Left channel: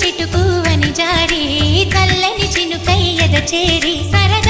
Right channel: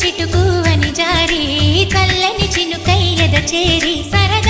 చిటుకు అని జారి చల్లని చినుకై ఎద చేరి సరదా